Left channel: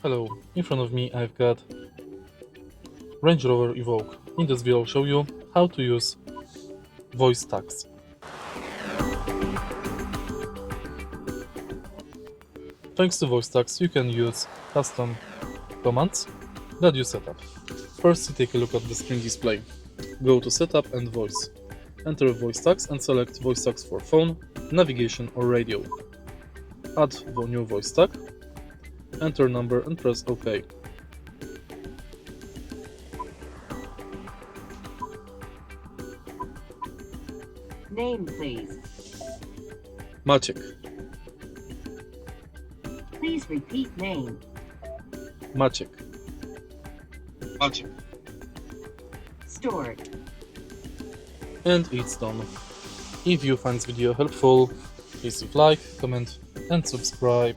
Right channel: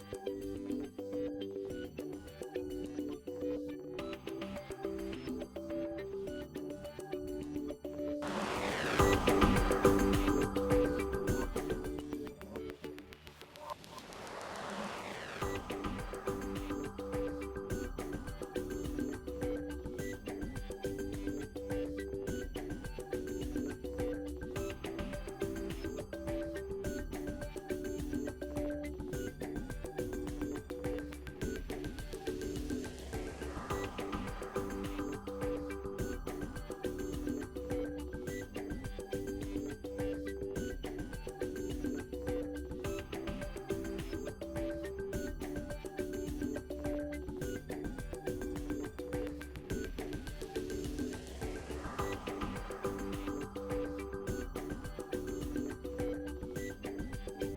Hello, in front of me I've got Range Rover Evoque. In this video I'll show you how to use voice tags. Thanks to voice tags you can use custom commands that you set up. First, take a look at the screen display. Go to Setup and Voice. Enter voice tags and select voice tags for phone, navigation or radio. Add the new voice tag, enter number and press OK. Name, please. Maciek, Please repeat name. Maciek. Stored. And it's done. If you find this video helpful, please leave like, comment and subscribe.